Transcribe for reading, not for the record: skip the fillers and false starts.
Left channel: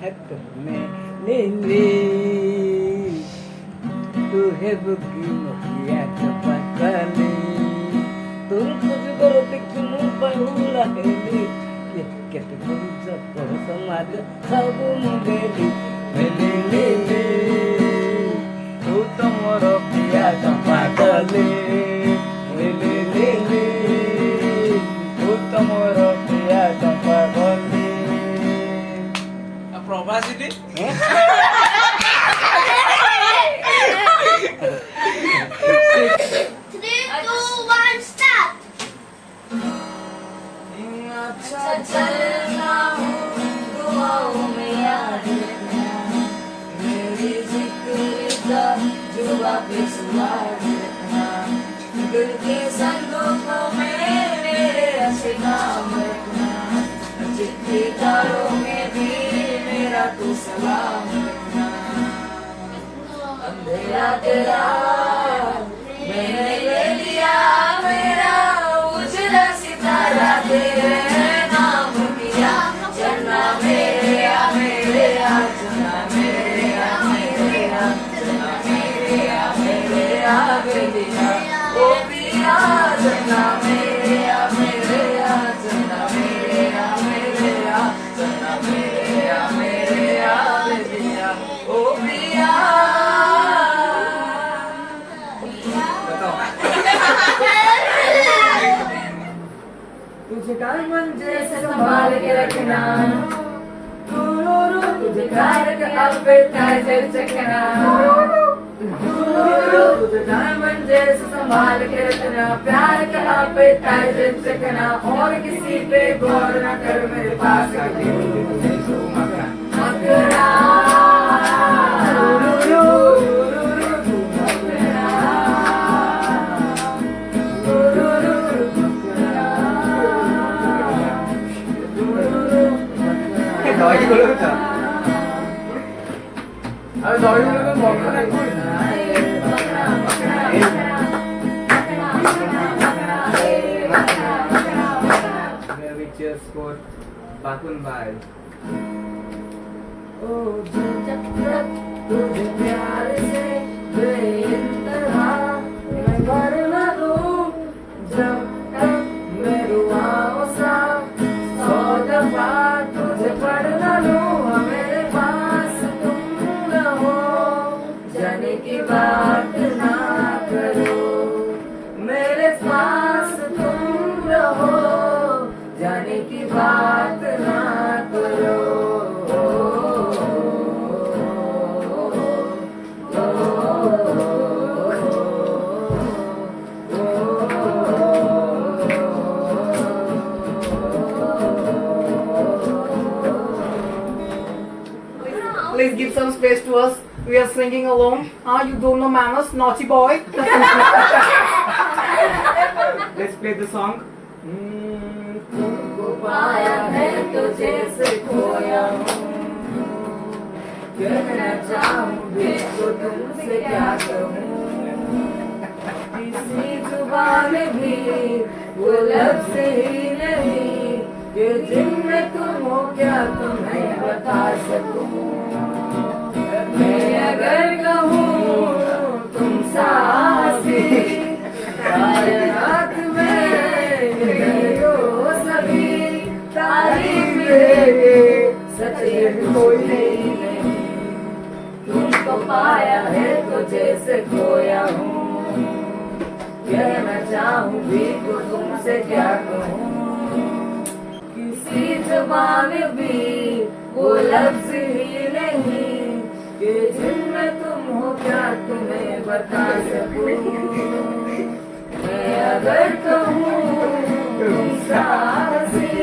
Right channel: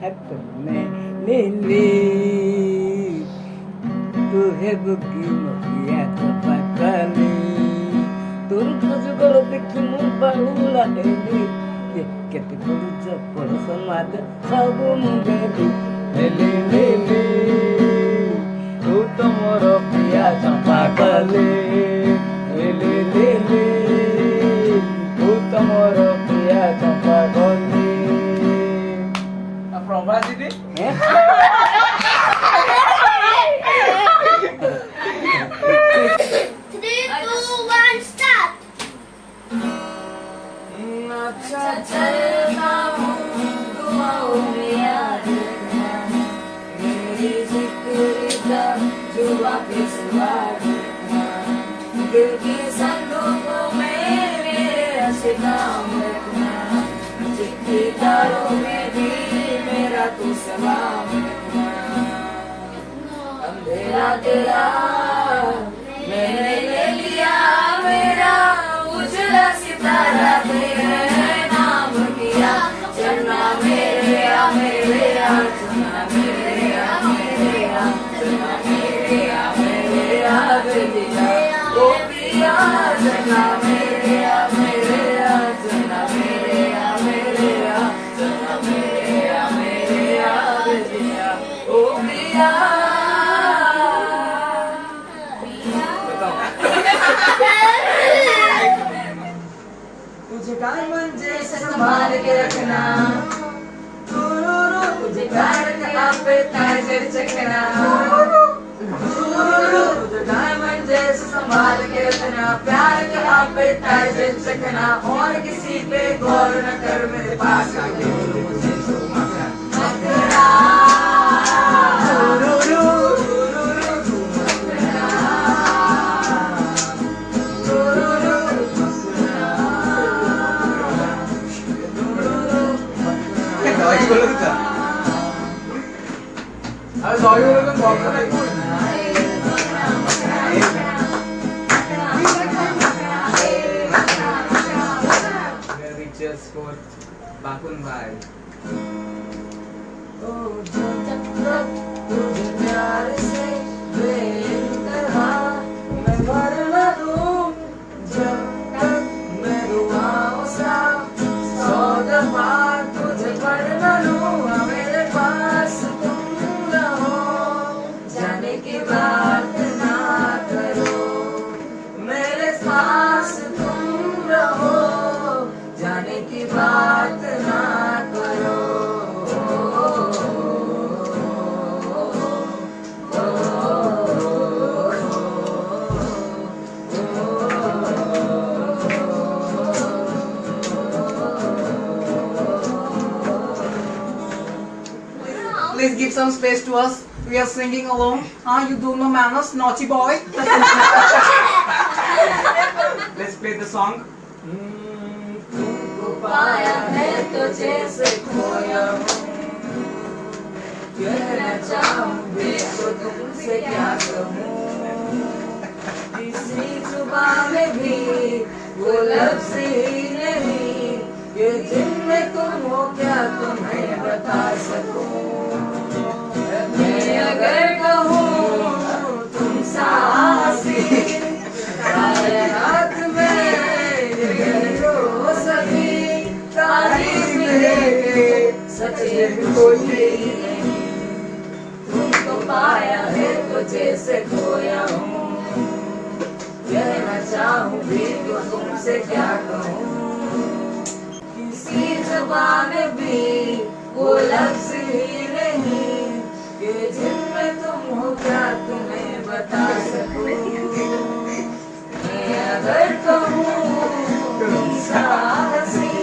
हातने लेले तू हे बुकी मकिया चपाकली तुरपुज गरो देखी मु बहुला हेली केते पुरुष पर समाज सब मुंडेली हेली हेली तू तमर पिया चपाकली हेली हेली तू तमर पिया चपाकली प्रवासी दे Three, two, one, start. अच्छा चलना हूँ दुआओं में याद रखना मेरी जिक्र का जो वापिस याद रखना दिल के संदूकों में मेरे रस्ते काम रखना चिट्ठी तारों में भी मेरा तू सलाम रखना अंधेरा तेरा मैंने ले लिया मेरा उजला सितारा तेरे नाम किया चलना मेरे या चलना मेरे या चलना मेरे या बेलिया ओ पिया चलना मेरे या चलना मेरे या चलना मेरे या बेलिया ओ पिया तुझे डायमंड जैसे संभाल के रखना तुझे प्यार का पे ताजर चखना तुझे डायमंड जैसे संभाल के रखना प्यार का पे ताजर चखना और किसी पे गौर न कर मेरे पास आके मुझे तो Magra Cheers for Bakun Bhai. तुझे प्यार से बेइंतहा मैं भर न दूं जब तक मैं रुआओं सा 100 दफा तुझे पढ़ न लूं मेरे पास तुम रहो जाने की बात ना करो मेरे पास तुम रहो जाने की बात ना करो Please give some space to us. We are singing along. You don't know manners, naughty boy. Let's play the song. तुमको पाया है तो जैसे खोया हूँ कहना चाहूँ भी तो तुमसे क्या कहूँ किसी जुबान में भी वो लफ्ज़ ही नहीं कि जिनमें तुम हो क्या तुम्हें बता सकूं मैं अगर कहूँ तुम साहसी कायनात में सभी तारीफ मिलेंगे सच्चे कोई नहीं तुमको पाया है तो जैसे खोया हूँ कहना चाहूँ भी तो तुमसे क्या कहूँ किसी ज़बान भी वो लफ्ज़ ही नहीं कि जिनमें तुम हो क्या तुम्हें बता सकूं मैं अगर कहूँ तुम साहसी